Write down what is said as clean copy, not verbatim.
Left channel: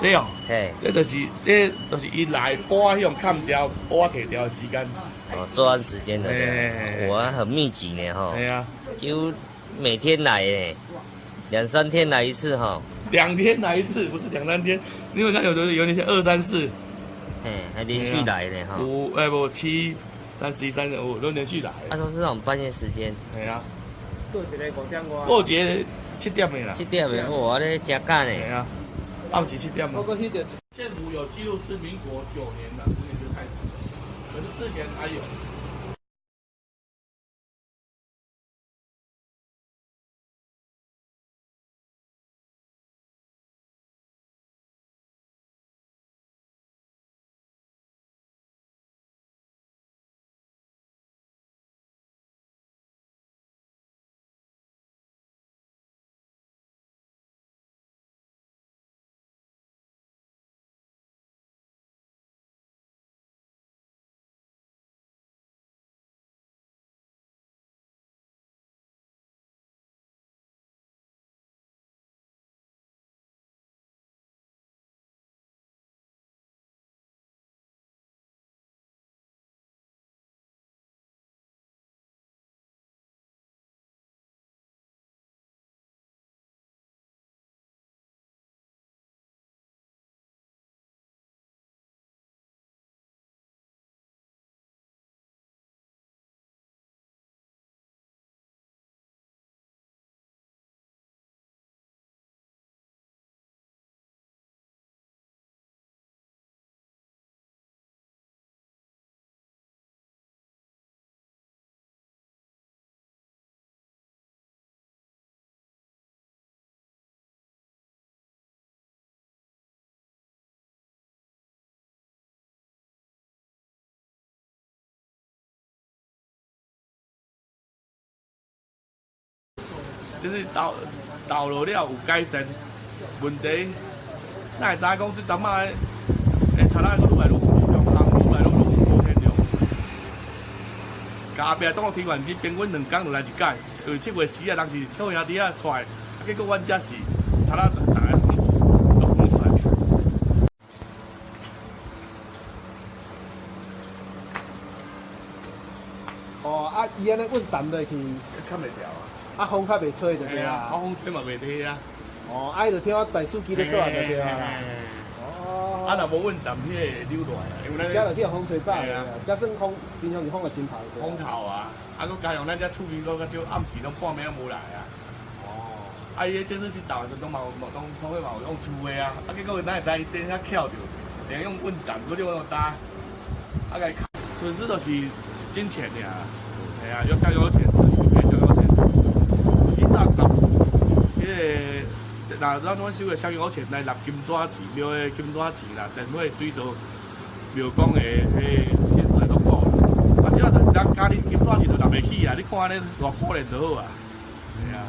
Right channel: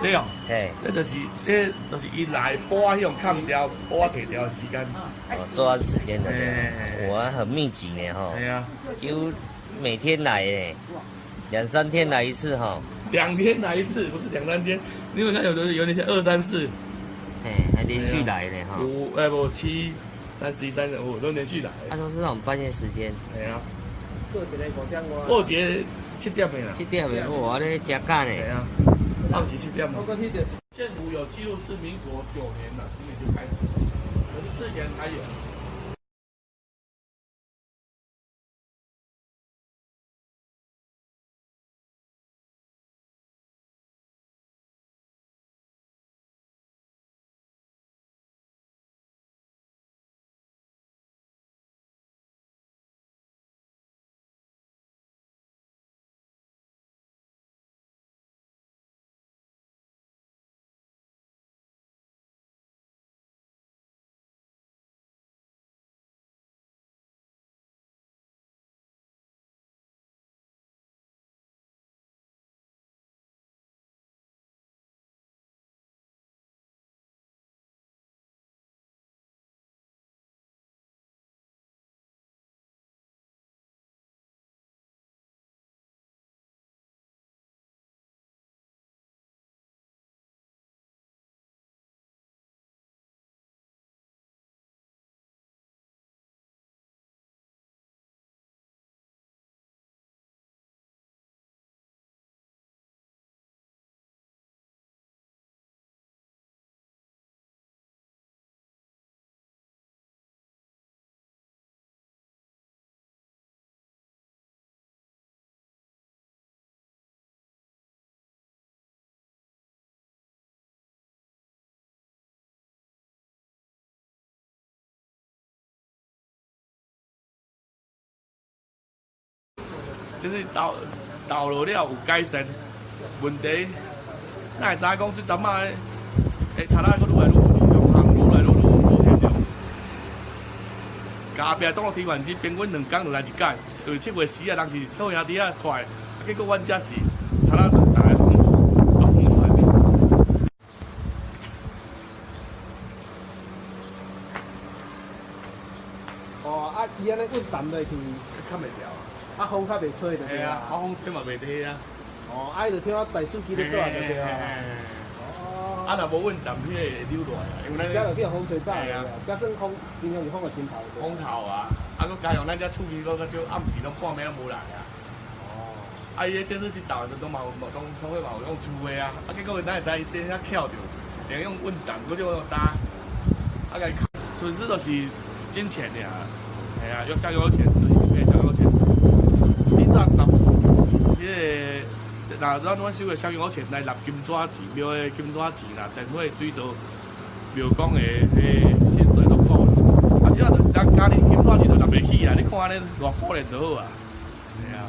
这哦，嘿，这就是伊来播迄种看掉、播摕掉的时间。哦，作案时间的，哎我很密集呢哈，哎呀，几乎每天来诶，2、3天来一次哈。2天来一次，不是2、3天，因为那有那些2、3、4，嘿，还连续来呢哈。不7、31、35都连续来。都是那种半夜时间。哎呀，过节5点外。过节7点的啦。7点的，我咧加干呢。哎呀，到期7点。不过迄个县府有记录是民国9年了，今年就开始了，可是之前还有。就是道路了有改善，问题哪会知影讲这阵仔诶贼仔佫愈来愈严重，愈来愈无严重。后壁当个天元机，平均2天就来一届，因为7月10啊，当时跳兄弟啊出来，结果阮遮是贼仔大家都出来。哦，伊安尼稳淡落去，看袂掉。风较袂吹就对啊，风吹嘛袂低啊。哦，伊就听我大司机咧做就对啊。哦。若无稳淡，迄个溜落来啊，因为咱遮就叫风吹走。啊。加算风，平常是风个真头。风头啊，佫加上咱遮厝边佫少暗时拢半暝拢无来啊。哦。伊迄电视机倒就拢嘛有用厝的啊，结果咱会知伊电遐翘着，连用稳淡，佫用打，甲伊损失就是金钱尔。哎呀，要香油钱，香油钱。以前若咱收个香油钱来纳金纸钱，庙的金纸钱啦，电火、水道、庙公的薪水都够啦。啊，即个就是咱家己金纸钱就纳袂起啊！你看安尼偌可怜就好啊。系啊。